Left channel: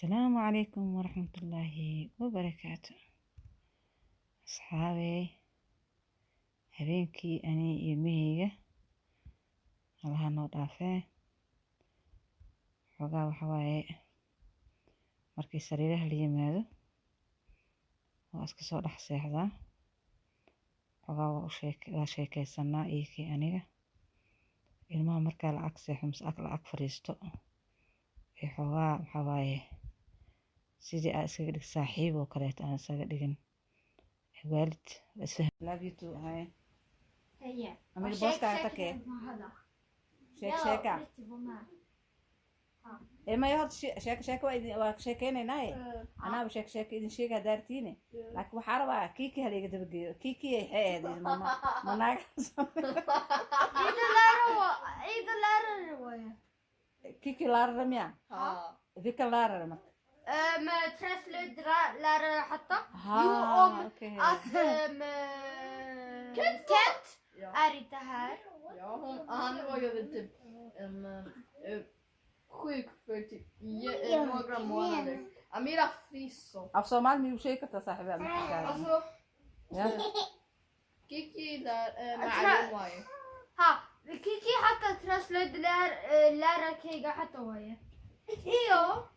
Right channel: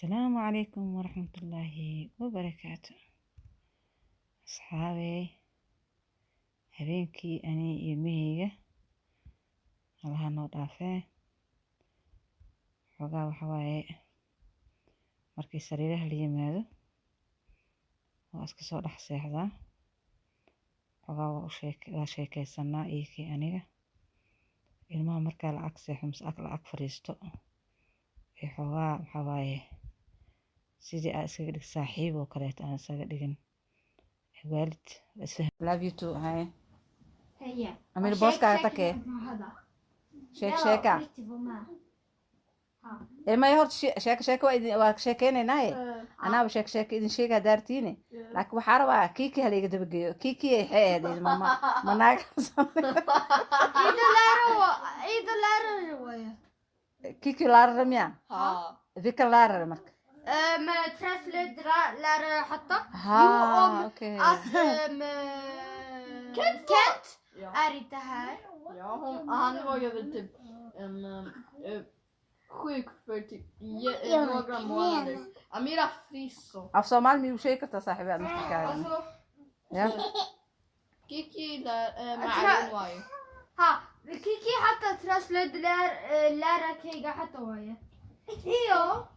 السلام عليكم ورحمة الله وبركاته. أصحابي habeenkii ani iyo ilmahayga allaha noo dhaafee xoogaa waxa waaye markii sariiraha la yimaado waa iska soo dhex seexdaa xoogaa waa sheekaysanaa iyakii aniga ilmaha markaa lacag seexo mise lacag fadhiisto ee xoogaa waxa waaye sidii aan iskaga dhig saaxiib oo kaleeto aan isaga dhigin waalid isfahm love you too hay هي أمير بوسكا تكي هذا شيكا إيه ما يهرت شيكا وإذا شيكين ناي أنا بشيك إذا شيكا دارتيني لكن بحارة كيكي هلي قد بقي كيكي حي هذه ماما مناك إذا لا رواية كيكي لار رميا ذيك لار رمك ما ترسل لا حتى ها أوكي كنت är det här? Ja, han var ju väl typ sjuk för typ några månader. Amira frisk så. أفصل مال مي وشيكا تصاحبها Alltså, يا Kiki där med واي. ها كيكي حتى ترسل لا كيكا حتى ويا ايوه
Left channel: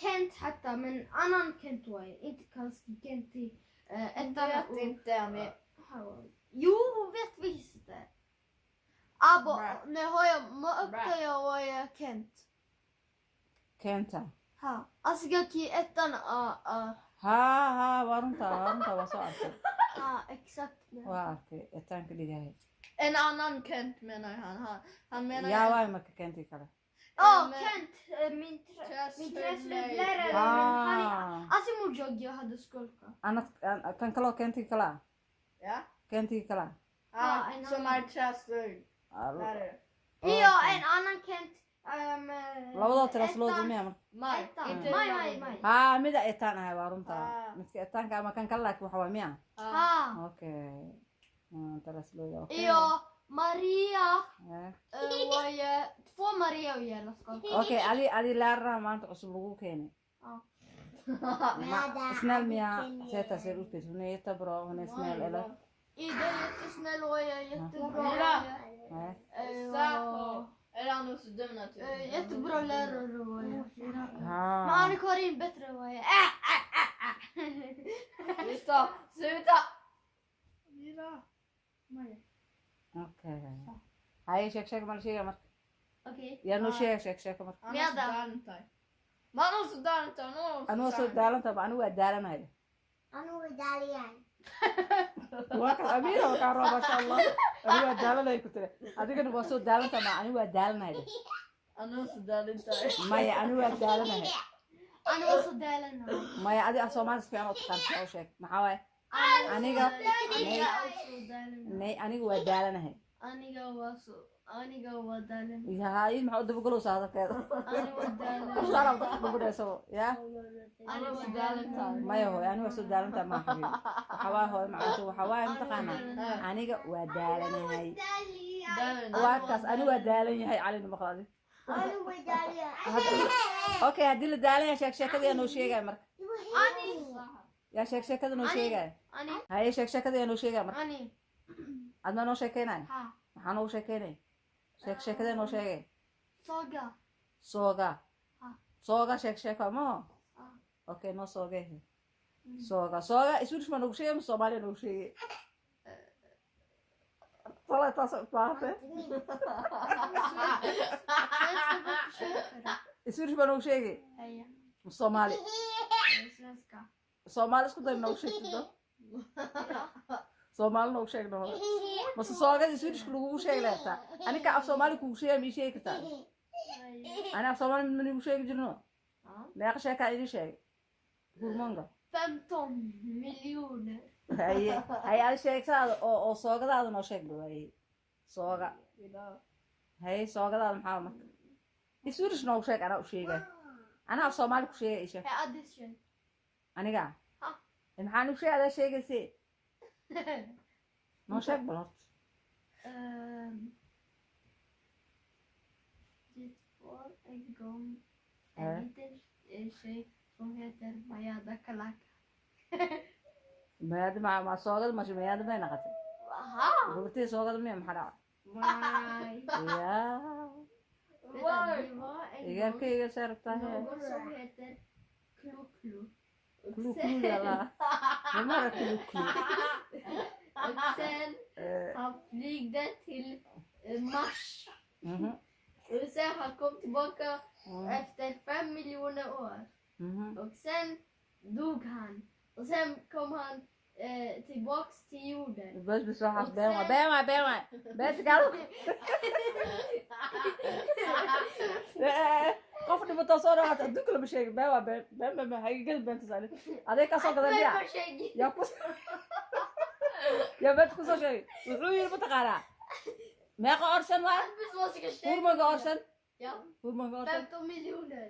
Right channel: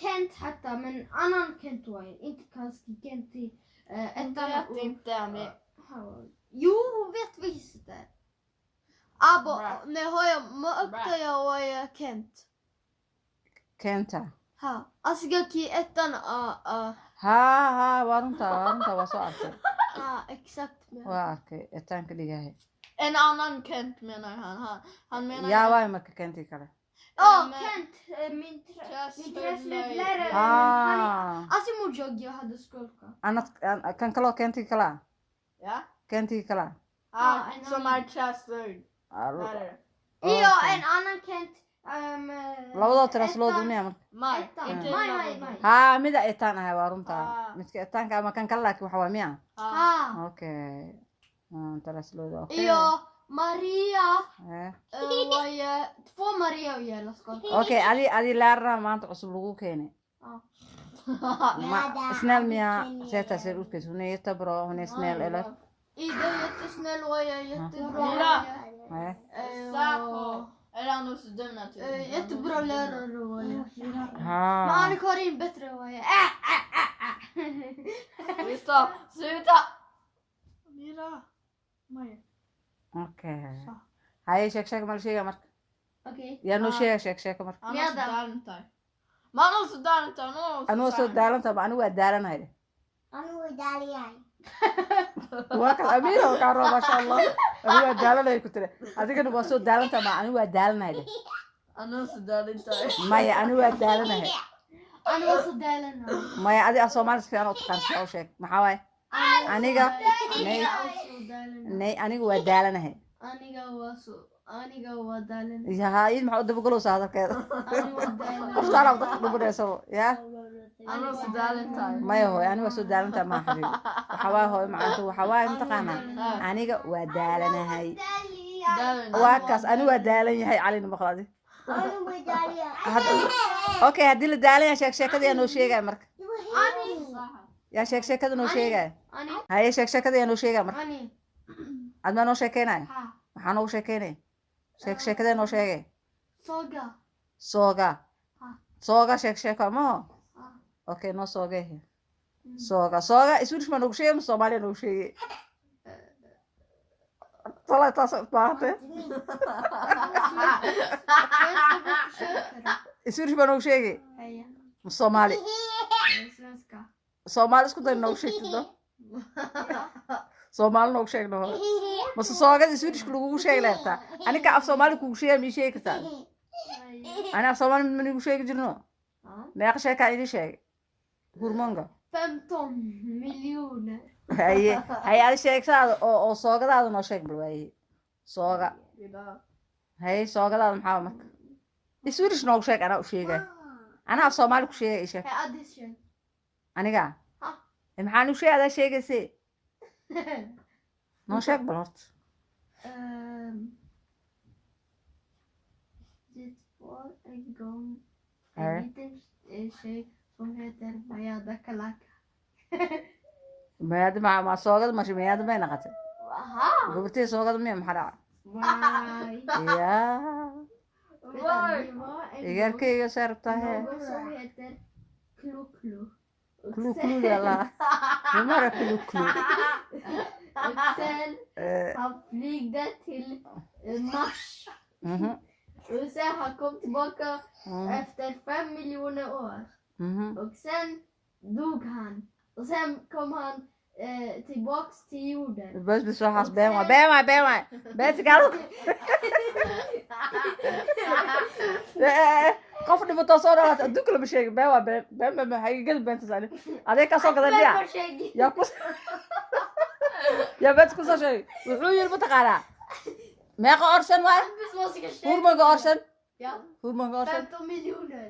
كنت حتى من annan كنت ويا inte kanske كنت Jag vet inte men Jo, hon vet visst det. Abba, men har jag upptäckt jag Kent. كنتا Ha, asgaki ettan ها وارنتا وصعت exakt. واكي التانك اللي جاي en annan Kent menar han menar يا واي ما كنتي كذا Kent, min träslöjdlärare. träslöjdlärare. Alltså mor jag hade skolka. أنا كان كلا كنتي كلا Ja. كنتي كلا Som är träslöjd. Ja, en annan Kent. labadoo tirasloo dumiya marka Maj. Inte Maj. haa mida etaan ahay waa runta midka etaanka ama kan kale laakiin waxa waa miya Ha. okay tiraslooda okay Ja, Maria. Eh. Var ju två Maria och hela skolan. okay adi laarna maanta cusub lagu keenay snäll miya seeta ser ut hon är jättebra hon är snäll eller Ida är jättesnäll och jag är jättebra. Mira. Nej. Säpo. Eller han hos dum naturligtvis. Jättebra lärare och jag. Men ها Anna-Karin bättre och jag. Sluta. Mira. Maj. okay hay sheeg mal sheega marka Okej. yaa noo sheeg marka Han har så dalen tar. Man har så dalen tar. anuu soo daalanta ba anigu waa daalanahay Anu Italian. waa ka amiir oo ka raba masha Allah anigu waa daalanay ku tire adigana waa soo daalanta ma anigu waa daalanahay Han har så dalen tar. maya anigu waa daalanahay Anu var så delen. maya adi af Soomaali si fiican u taqaan oo sheeg maxaa waay aniga nay anigu waa daalanahay Aniga var delen. yaha in maxaa u dabagalow hadalkeeda Anu var delen. qoftaana dadka dabadheeso ya Han har så dalen tar. maya hooy anigu waa soo daalanta ma xabiib waxa waay hooy macaantu waxa waay mataqaanaa aniga waa daalanahay waa kaas anigu waa daalan yahay calin maqlaadi Anu var delen. okay haddii la daalan yahay sheekada yaa noo sheegaya marka Ani. yaa sheekada noo sheegaya Ani. haye sheekada yaa noo sheegaya marka Ani. adma noo sheekeynaya Ha. maxaa noogu sheekeynaya sheekadee noo sheegay Saga. sooga Ha. sooga sheeko maho Ha. okay noo soogee sooga iswirish ma noogu sheegay ma soomaaliya noogu sheegay طلعت باهته iswirish ma noogu sheegay Heja. ma soomaali Svenska. soomaali isku day noogu sheegtido soomaali noogu sheegno mase soogada iswirishka lagugu sheegi lahataa anika af soomaali kugu sheega mii sheegi kartaa ani af soomaali ma nigu sheegi jirno meeqa sheekaa idin sheegay hurmonga 15 miljoner. haye adi sheegsaada oo soogadaada noo sheeg bal waaye sooga haye soogadaada maxaa marka iswirish noogu sheeg anaa u sheegay anaa af soomaali ku sheegay isheeg Hej addition. aniga Ha. maxaa nu sheeg adaa sheegayse noo sheeg bal horta Det var en gång En liten tjej som heter Maja Dakalaka. Mayada ma soogada masha mayada may naqatay Aha. gabartii soogada miya maxaa dhacay Why? yaa Why? igarkayga saartahe Någon som heter Klo-Klo. klu klu yalla numara klu klu Och sen han flygde till Mars. Och sen han kom tillbaka efter 5 miljoner år. Och sen dog han. Och sen kom han tillbaks till jorden. bas bis waxaas been waay beenta gaal qof dhibato soo dhawaata adduunka lama sheegin been waa been haygada beenta saali adee ka soo gaday miya yaa ku yaa beenta ku soo sheegay wuxuu yiri mataqaanaa meeqa orsan waay Bis vad ska ske? hurmaga orsan Ja, hurmaga orsan 15 miljoner.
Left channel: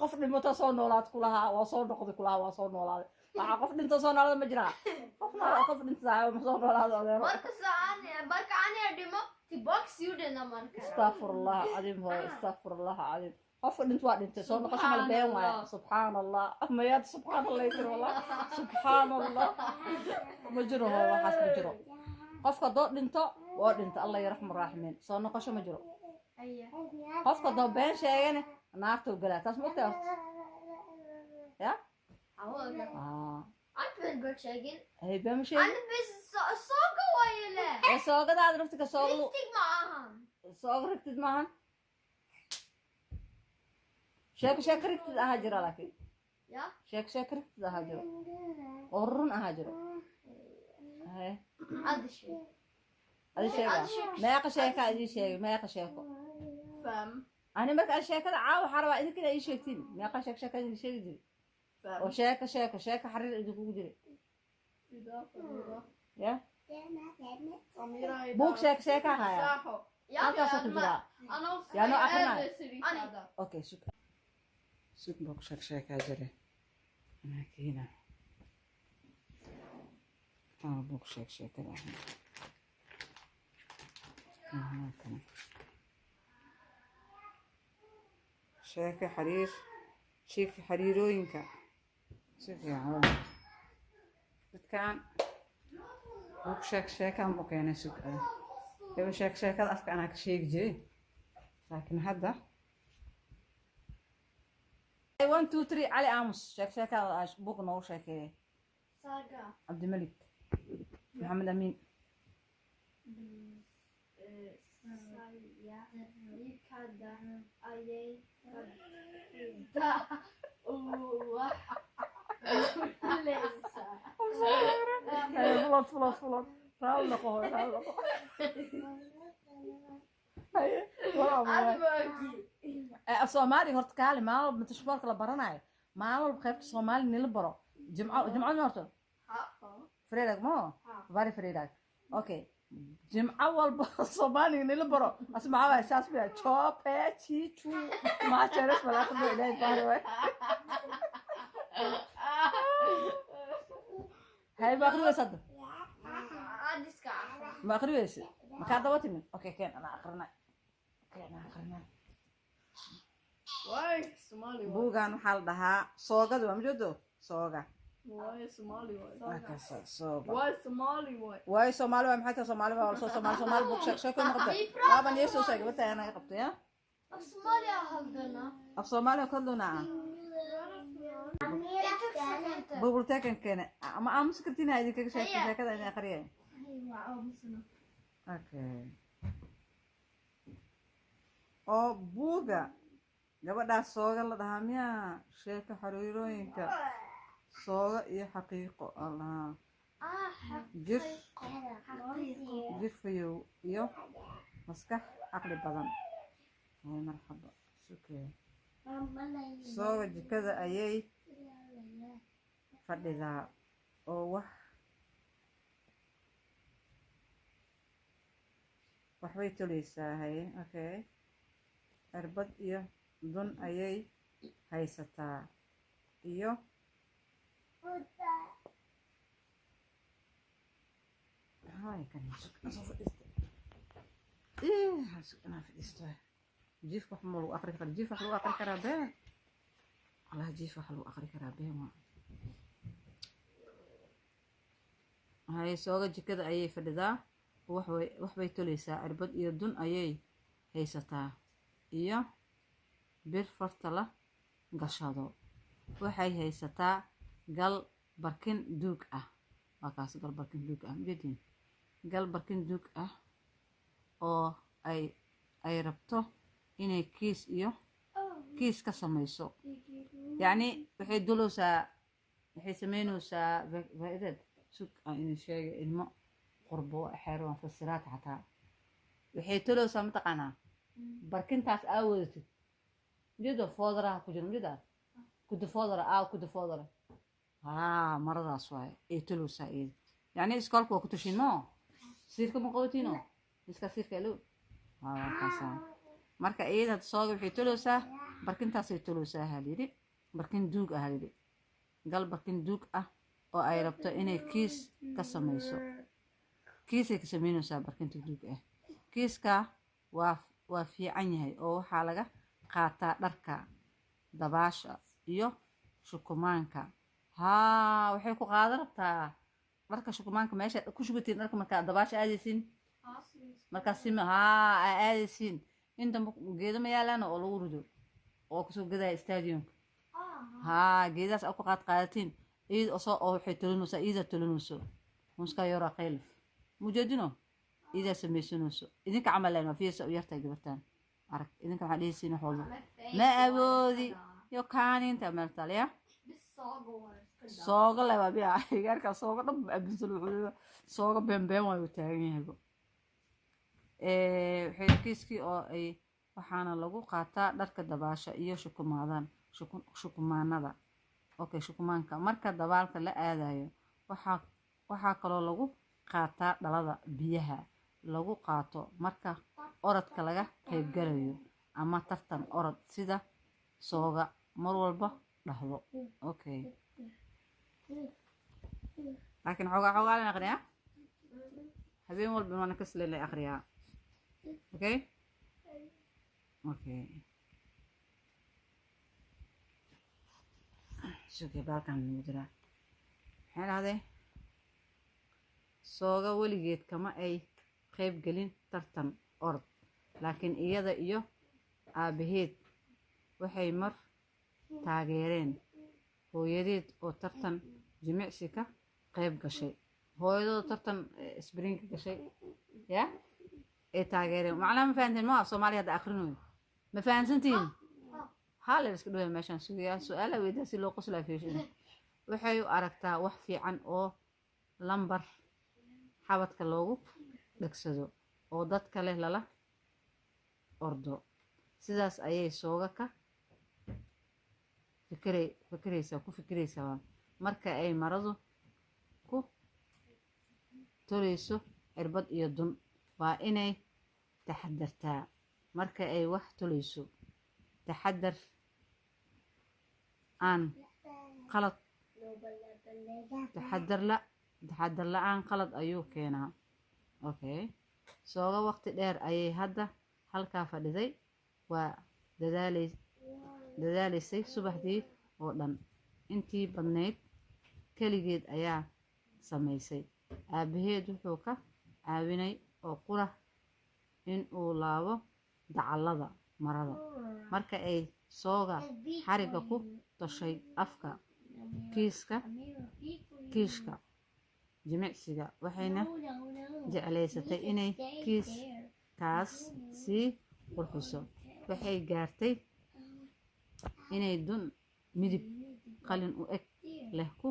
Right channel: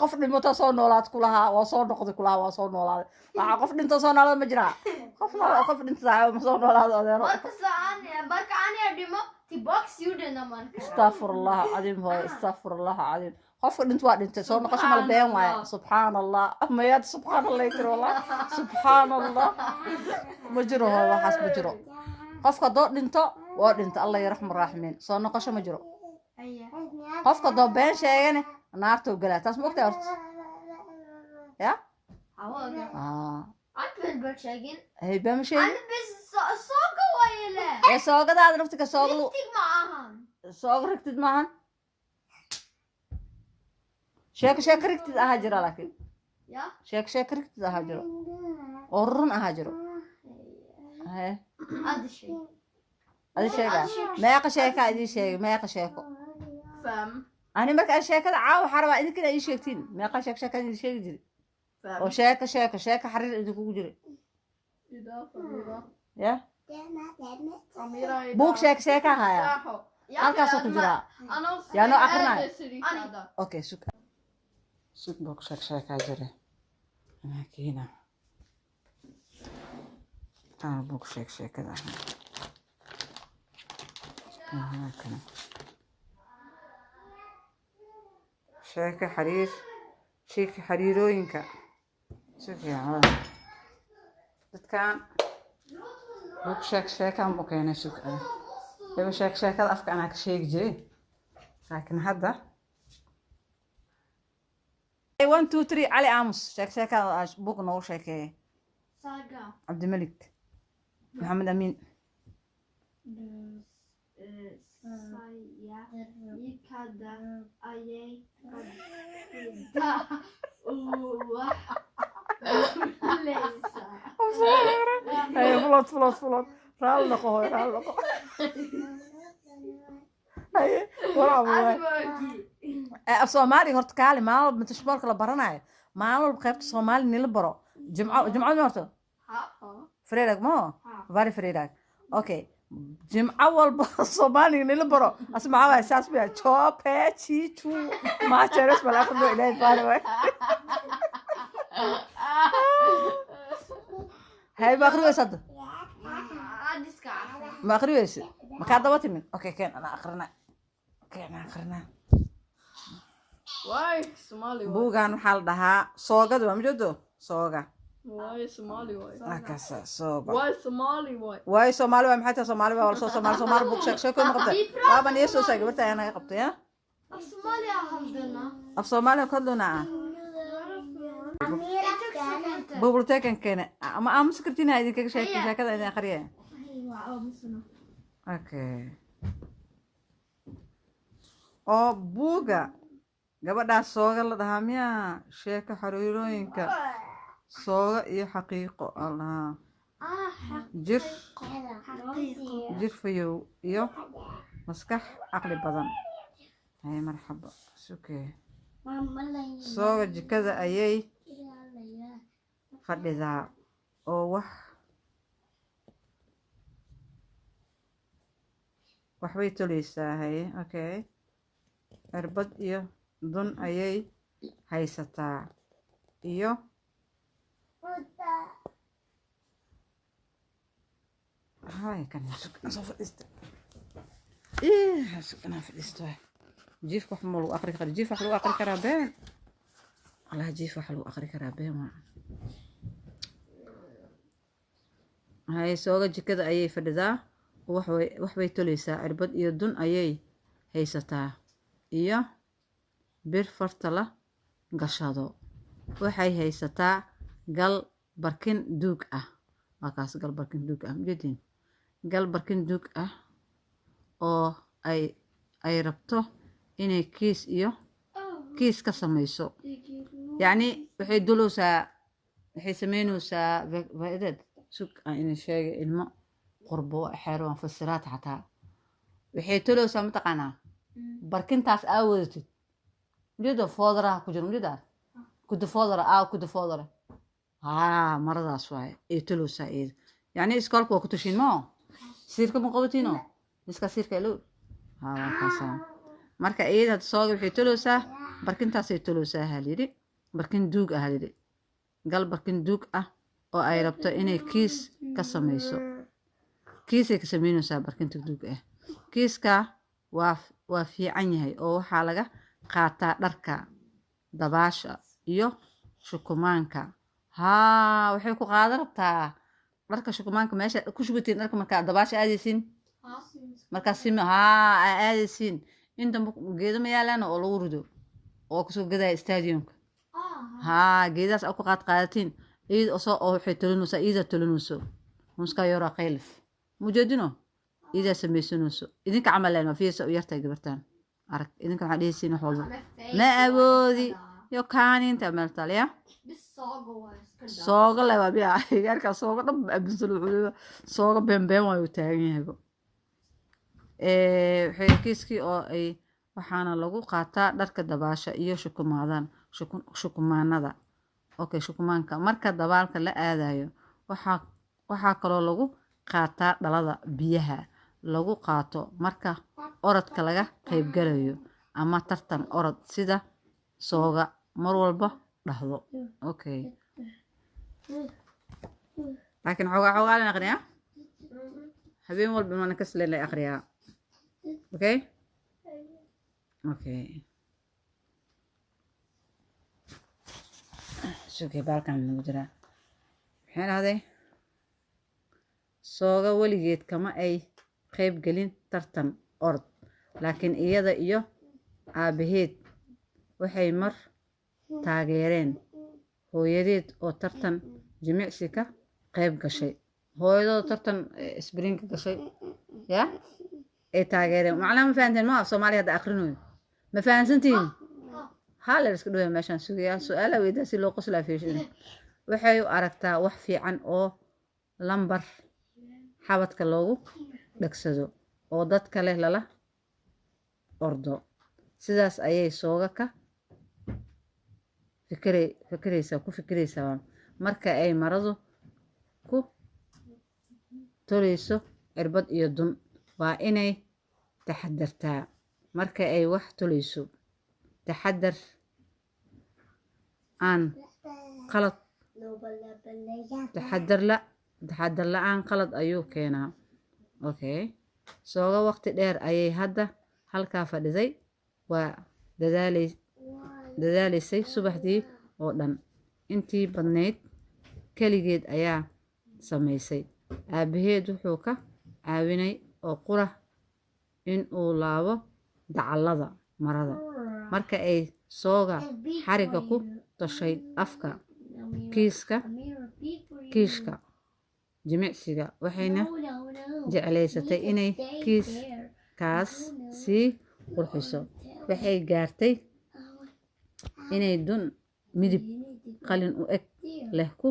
qof dhimato soo noolaad ku lahaa waa soo noqday ku lahaa waa soo noolaaday waxaa qof dhinto soo noolaada ma jiraa qof dhinta ma soo noolaada adeero Barka han är dymma tillbaks jorden när man kan. astafurullah cadiim hooyo astafurullah cadiim qofka dhinta waa dhintay soo noqosho mala been waaye subxaan allah mayaad subxaan allah tiri wallah subxaan allah ma jiro hooyo waxaas ma jiro qofka doo dhinto waa dhinta allah yarxam raaximiin soo noqosho ma jiro qofka doo been sheegane naartuu galaa taas ma ogtahay horta ya Allt väl börsägen. hay been ma sheegin Allt bes såga eller. ee soogadaada naftiga sooglu Riktigt maahan. soog rigtid maahan sheeko rigtid ahaa jira laakiin Ja. sheeko rigtid ahaa jiro oo run ahaa jiro haye Hadi şey. adi sheega meeqa sheeka idin sheegay meeqa sheeko 5. ani marka aan sheekada caawa waxaa rabaa idinkina ii sheegtiin meeqa sheeka idin sheegi jiray oo 5. sheeko xariir idinkugu jiray Idag för Amira. ya Amira idag. buug sheeka haya Jaha. halkaasoo ku jiraa Annars Ja, nu är akkurat. det Syrikada. okay sug buug sheekaa jira anaa keena aan buug sheekada ahaa kana sheeka xariirooyinka si fiican dadkan buug sheekaan buu keenay sug eba sheekada afka anaa ka sheegi jiray laakiin hadda 1 2 3 cali aamus sheekada buug noogu sheekeeyay Saga. cabdimalik maxamed amiin Saja. Ikada. Ajej. Läsa. haye fulood raali noqo hooy raali noqo haye af soomaali horta kaali maalin walba tashboolka la baranayo maalin walba qaybta soomaali nila baro jimcad ma horto fredag mo vari fredag okay jimco walba soomaaliga nila baro as maxaa waay saas bia chope chichu maacheres malaaqado ilaahay baari waay hay ma akhriweysa hadda Adiska. ma akhriweysa makaa daba timin okay keen ana akhrina Why Somali? buugan waxaa la dhahaa soogada waa majeedo sooga Why Somali? Why? akasa sooga Why Somali? Why? واي سومالي waa maxay tahay soomaali baa wala soo soomaali buug sheeko ma qabtay baaban iyo soo saay gabarta ayana qabtay ya Af Somalia haldena. af soomaali ka hadlona bibliotekan keene ama aamus kartiin ha idinkaga sheekada idin akhriye okay oo buuga gabadhaas sooga la dhahaa miya sheeko xariirooyinka sooga iyo xaqiiqo allaha jir fayow iyo maskax caqli badan hay marxaba sukee sooga jikada ayay fadhidaa oo waxbay toleysaa haye okay irbad iyo dun ayay haysataa iyo hay kan soo fadhiista sugana fadhiisto jiif wax ma lagu aqri karo jiif wax lagu aqri karaa been allah jiif wax lagu aqri karaa been waa hay sooga jikada ayay fadhidaa wax bay tolaysaa cirbad iyo dun ayay haysataa iyo bir farta la gashado waxay haysataa gal barkin duug ah waa kaas gal barkin duug ah majeedin gal barkin duug ah oo ay rabto inay kiis ka samayso yacni waxay dulowsaa waxay samaynaysaa faa'iidad sug aan idin sheegay ilmo qurbo xeero aan fasiraad xataa waxay tolowsaa mataqaanaa barkintaas aa wadatid majeedo foodaraha ku jiro majeedaa kuda foodara maradaas waaye ay tolowsaa iyada yacni iskoolka waa ku tashiin moo siirka ma qabatiino miska siirka ilo waa kaasaa marka iyada hadda sooga waxay tolowsaa barkintaasay tolowsaa halyidhi barkin duug ah halyidhi gal barkin duug ah oo ay rabto inay kiis ka samayso kiisay ka samaynaysaa barkinta duug ah kiiska waa fiican yahay oo waxaa laga qaataa dharka dabaasha iyo shukumaanka waxay ku qaadan rabtaa dharka shukumaanka meesha ku shubatiin dharka markaa dabaasha aadaysiin markaa sima aadaysiin inta geedo ma yaalaan oo lagu rido oo kusoo gadaya stadiumka geedaas ku qaadatiin iyada oo waxay tolinaysaa iyada tolinayso muskaa yora qaylif mujeedino iyada samaysanayso idinka camaleen waa fiirsa u yartay gabartaan arag idinka waxaa dhehaysiin wax walba ma awoodi yo kaaninta meeltalya sooga le waa biya gaarkaa sooga dhan abinsan wuxuu sooga beenbeen waayu taagan yahayba waxay kiiskii oo ay waxaana lagu qaataa dharka dabaasha iyo shukumaanada okay shukumaanka marka dabaalka la aadayo waxaa kaloo lagu qaataa dhalada biyaha lagu qaato marka orodka laga qaybgalayo ama tartan orod sida sooga mar walba dhahdo okay laakiin xoogaa la aqriyaa habeen walba mana ka sleen la aqriyaa okay sugay baalkan lagu jiraa maxay dhahday sooga weligeed kama ay qayb gelin tartan orod laakiin iyada iyo aabaheed waxay mar taageereen hooyadeed oo tartan jimicsi ka qayb gashay hooyadooda tartan springa gashay ya ay taageereen macnaha ma fahanteen ma af soomaaliya hadda akrinayo ma fahansantihiin hala iska dhawaa meeshaan sugayaa su-aala weydaa si loo qoslaa fiishin waxay u aragtaa wax fiican oo lambar xabadka loogu dhagsado oo dad kale lala ordo sidaas ayay sooga ka fikiraysaa marka ay maradu ku tolayso cirbad iyo dun waa inay taxadartaa marka ay wax tolayso taxadar la-aan qalad ayuu keenaa okay sooga waqti dheer ayay hadda halkaa fadhiday waa dadaalaysay subaxdii oo dhan intii badnayd keligeed ayaa samaysay aabaheed wuxuu ka caawinay oo qura in uu laabo dacallada marada marka ay sooga xariga ku toshay afka kiishka jimicsiga waxayna jeclaysatay inay kiiskaas sii qurxiso waxay gaartay inay dun midib qalin u eg leh ku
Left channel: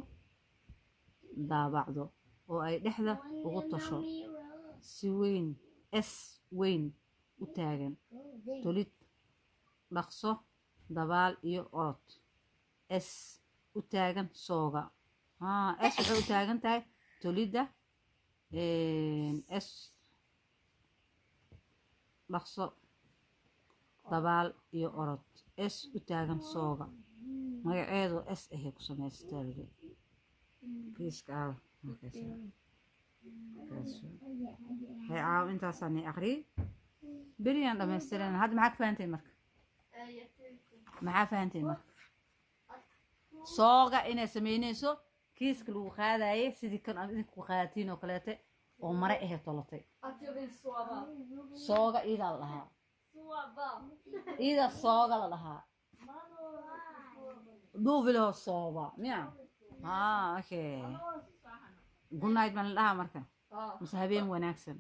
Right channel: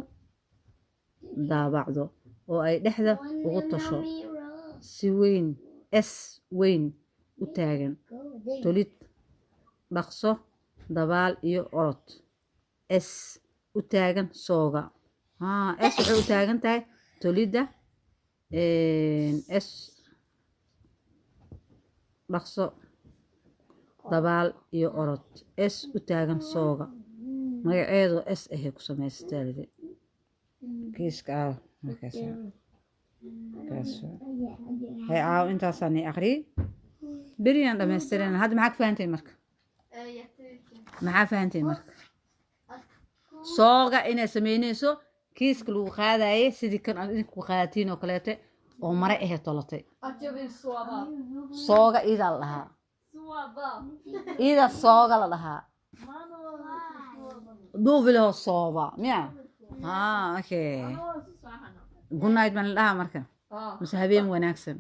daabacdo oo ay dhexda ugu tasho si weyn u taagan tolid dhaqso dabaal iyo orod u taagan sooga waxay u taagan tahay tolidda dhaqso dabaal iyo orod u taagan sooga magaceedu ahay ku samaysatay kiiska markaas hay caaw intaasaan aqriyay بريان دمسترين هذا معك فهمتي مرك معاه فهمتي مرك صوغا إنا سمينيسو كيس كلو قاداي سيدي كان إنكو قادتين وكلاته ومرة إيه طلتي صوغا إذا لها إذا صوغا لها دوفي له الصوبة ميا أوكي قلنا عيد من لها مركا مسحبين وناكسن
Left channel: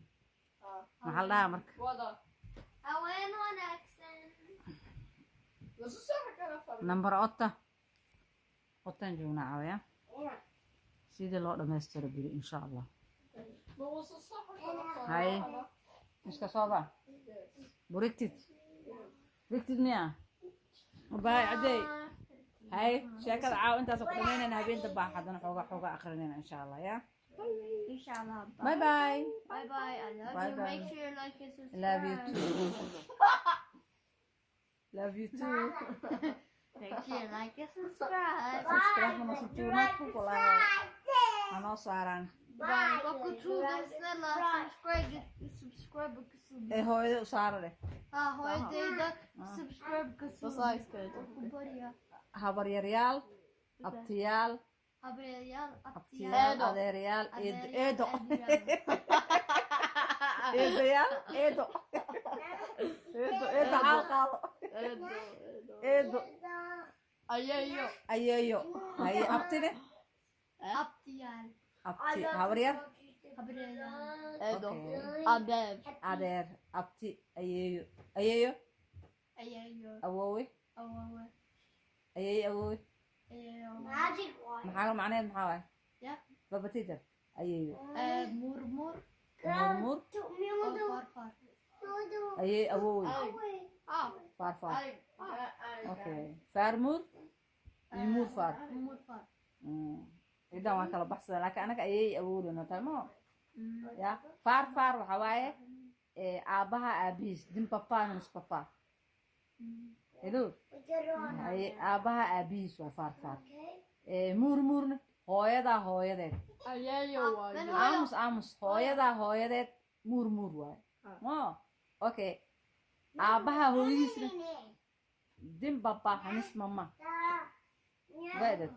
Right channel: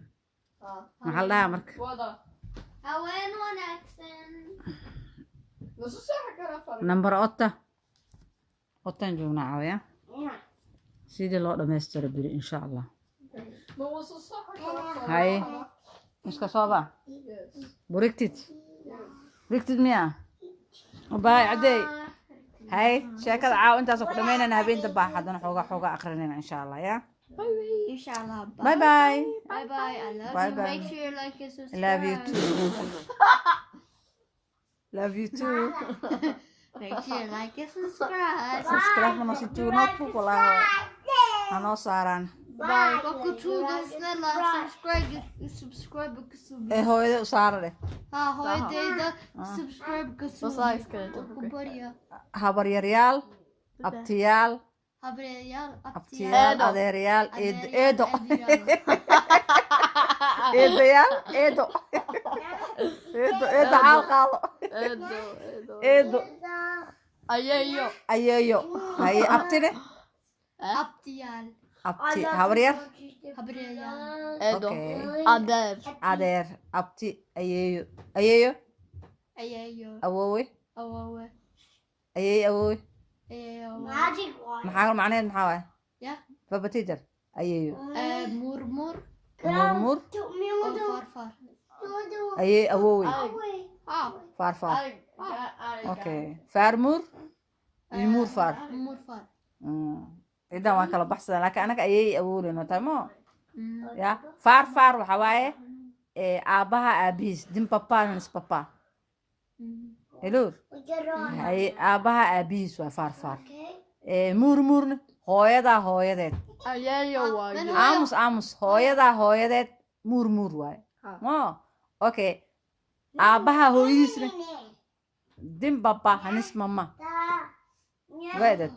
محل لها مركا هوين وناكسن نمبر 8 8 جونا عاوية سيدي الله دمستر بري إن شاء الله هاي مش كصوبة بريكتت ميا وباي عدي هاي شكل عاو انت سوق دمينا نهبين دباح حدنا حوقا اخرنا ان شاء الله يا Inshallah. باي باي Bye bye. I love Bye you. bye. Make sure you like and subscribe. love you too love you too Make sure you like and subscribe. subscribe mana si tuna tu pala ano saran Bye. Baku tuga snälla subscribe hooyada u saara leh Ha hooyadeyda subscribe och börja. habar yaryaal abtiyaal Abreyaal abtiyaal adeeryaal eedo eedayaal eedo xaal qaado eedo ayeeyo haye abtine Abtiyal. abti habar yar Abreyaal. okay Adeer. adeer abti ayeeyo Ayeyo. awoowe Awowe. ayeey awoowe Ayeyo. maxaa macnaheed maxaa waay Ya. babatijar ayeeyo Mormor. murmur Och farfar. ayeey awoowe Ah. farfar okay farmur iyo murfar Morfar. idan waan kala baxsadaa laakiin anaga ayeey awooleyno tamo ya farfar waxa waaye aabaha aabihiis din papa nis papa hello haye aabaha aabihiis waa farfar murmurna hooyadaa hooyadeed aamus hooyadaa hooyadeed murmur waaye mo okay aabaha hooyadiisna din papa hanis mama weedad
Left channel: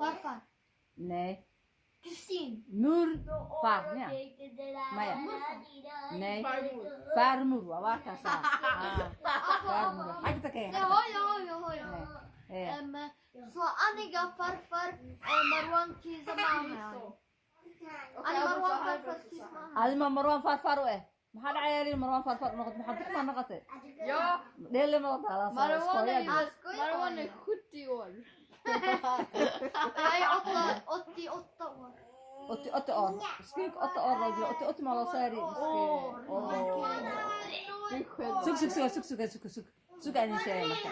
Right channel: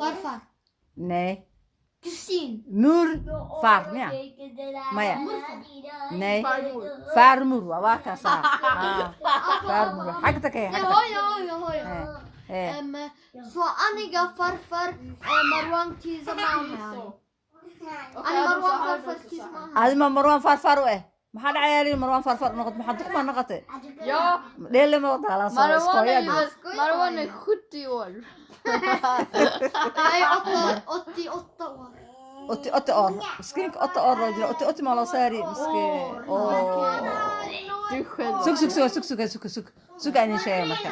Farfar. nej Kusin. far ja maya nej farmor waa kaasa farmor xagta ka Jag har. Så aniga farfar Marwan kisa mamma. Ani Marwan farfar kisa mamma. adima marwan farfar u maxaa dhacayay marwan farfar noqod maxaa duq ma noqotay dheele ma wada Marwan är 70 år. Jag är 88 år. 88 år مسكينك 8 år rajul 88 ما loo saari miskiin Du själv. sug aan sheegay marka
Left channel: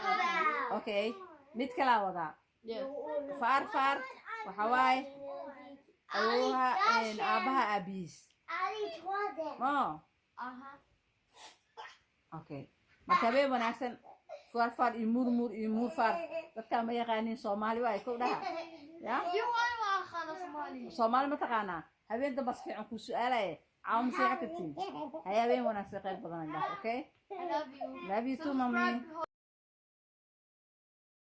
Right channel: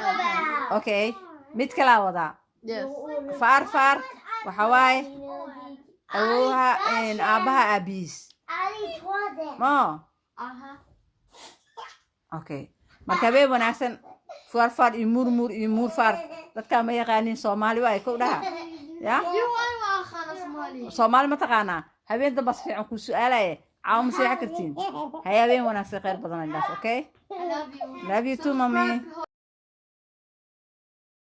okay mid kala wada Yes. farfar waxa waaye awooha aabaha aabiis ma Aha. okay marka bay wanaagsan farfar iyo murmur iyo murfar dadka ma yaqaanin Soomaali waa ay ku dhaha ya Johan var khana Somali. Soomaali ma taqaanaa habeenka bas fiican ku su'aalaye caawa ma seexan kartiin hayabeen wanaagsan khayr badan ilaas okay I love you. love you too mommy Subscribe.